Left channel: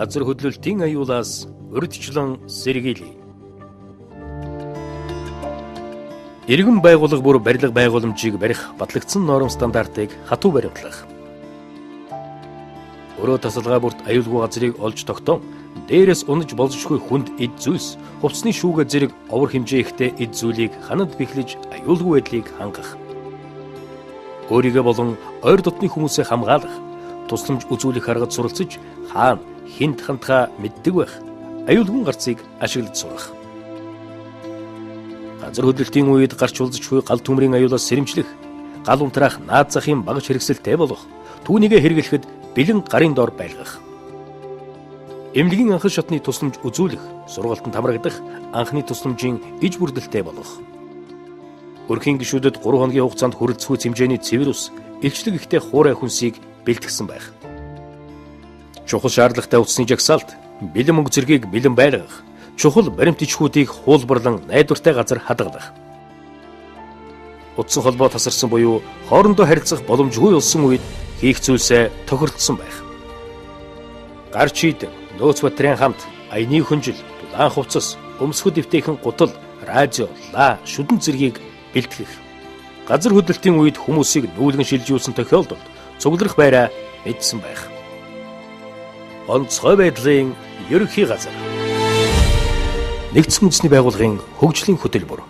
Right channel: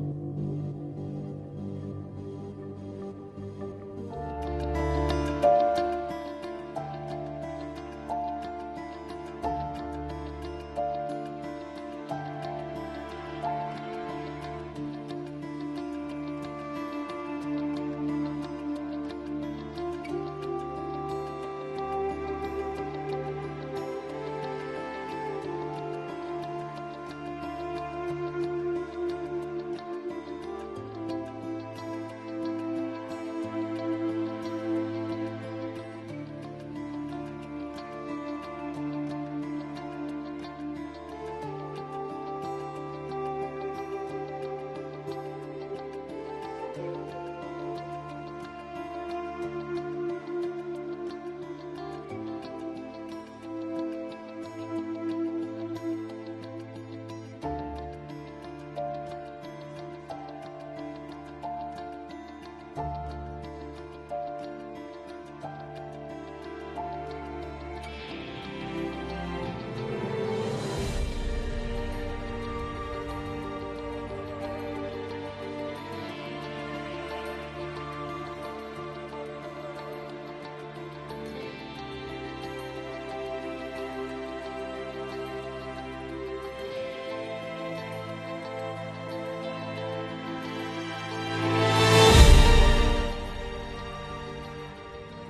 газар хөдлөлтийн аюулаас урьдчилан сэргийлье. Иргэн байгууллага бүр барилга байгууламжийг барих батлагдсан норм стандартыг хатуу баримтлах. Өрөө тасалгаа бүрт аюулгүй газрыг олж тогтоон дээрээс унаж болзошгүй хүнд эд зүйлс, хувцсны шүүгээ зэрэг овор хэмжээ ихтэй эд зүйлийг ханад бэхлэж аюулгүй байдлыг хангах. Өөрийгөө болон ойр дотны хүмүүсээ хамгаалах, тусламж үзүүлэх аргад суралцж хаана хинт хандхаа мэддэг байх. Аюулгүй гарцыг ашиглаж сурах. Газар хөдлөлтийн үед гарч улзчгүй гал төмрийн аюулаас сэрэмжлэх, гал унтраах наад захын багаж хэрэгсэлтэй болох, түүнийгээ хэрэглэхэд бэлэн гарын дор байлгах. Эмнэлгийн анхан шатны тусламж үзүүлэх, сургалтанд хамрагдах, анхны тусламжийн иж бүрдэлтэй болох. Өрхийн гишүүдэд 3 хоногийн хугацаанд хүрэлцэхгүй хэмжээний цэвэр ус, илчлэг ихтэй хуурай хүнсийг бэлтгэсэн байх. Чухал шаардлагатай утасны жагсаалт, бэлэн мөнгө зэргийг бэлэн байлгах, чухал баримт ичхүүдийг хуулбарлан найдвартай газар хадгалах. Утсан холбоо тасарсан буюу хоорондоо харилцах боломжгүй болсон үед хийх зүйлсээ тохиролцсон байх. Гар чийд, нөөц батрын хамт, аяны хүнжил, дулаан хувцас, өмсгөл дэвтэйхэн гутал, радио, ла, шүдэн зэргийг бэлтгэх. Газар хөдлөлтийн үед хүмүүсийг нүүлгэн шилжүүлсэн тохиолдолд цугларах байраа мэдсэн байх. Онцгой байдлын ерөнхий газар. Нэгдсэн үндэсний байгууллагын хөгжлийн хөтөлбөр.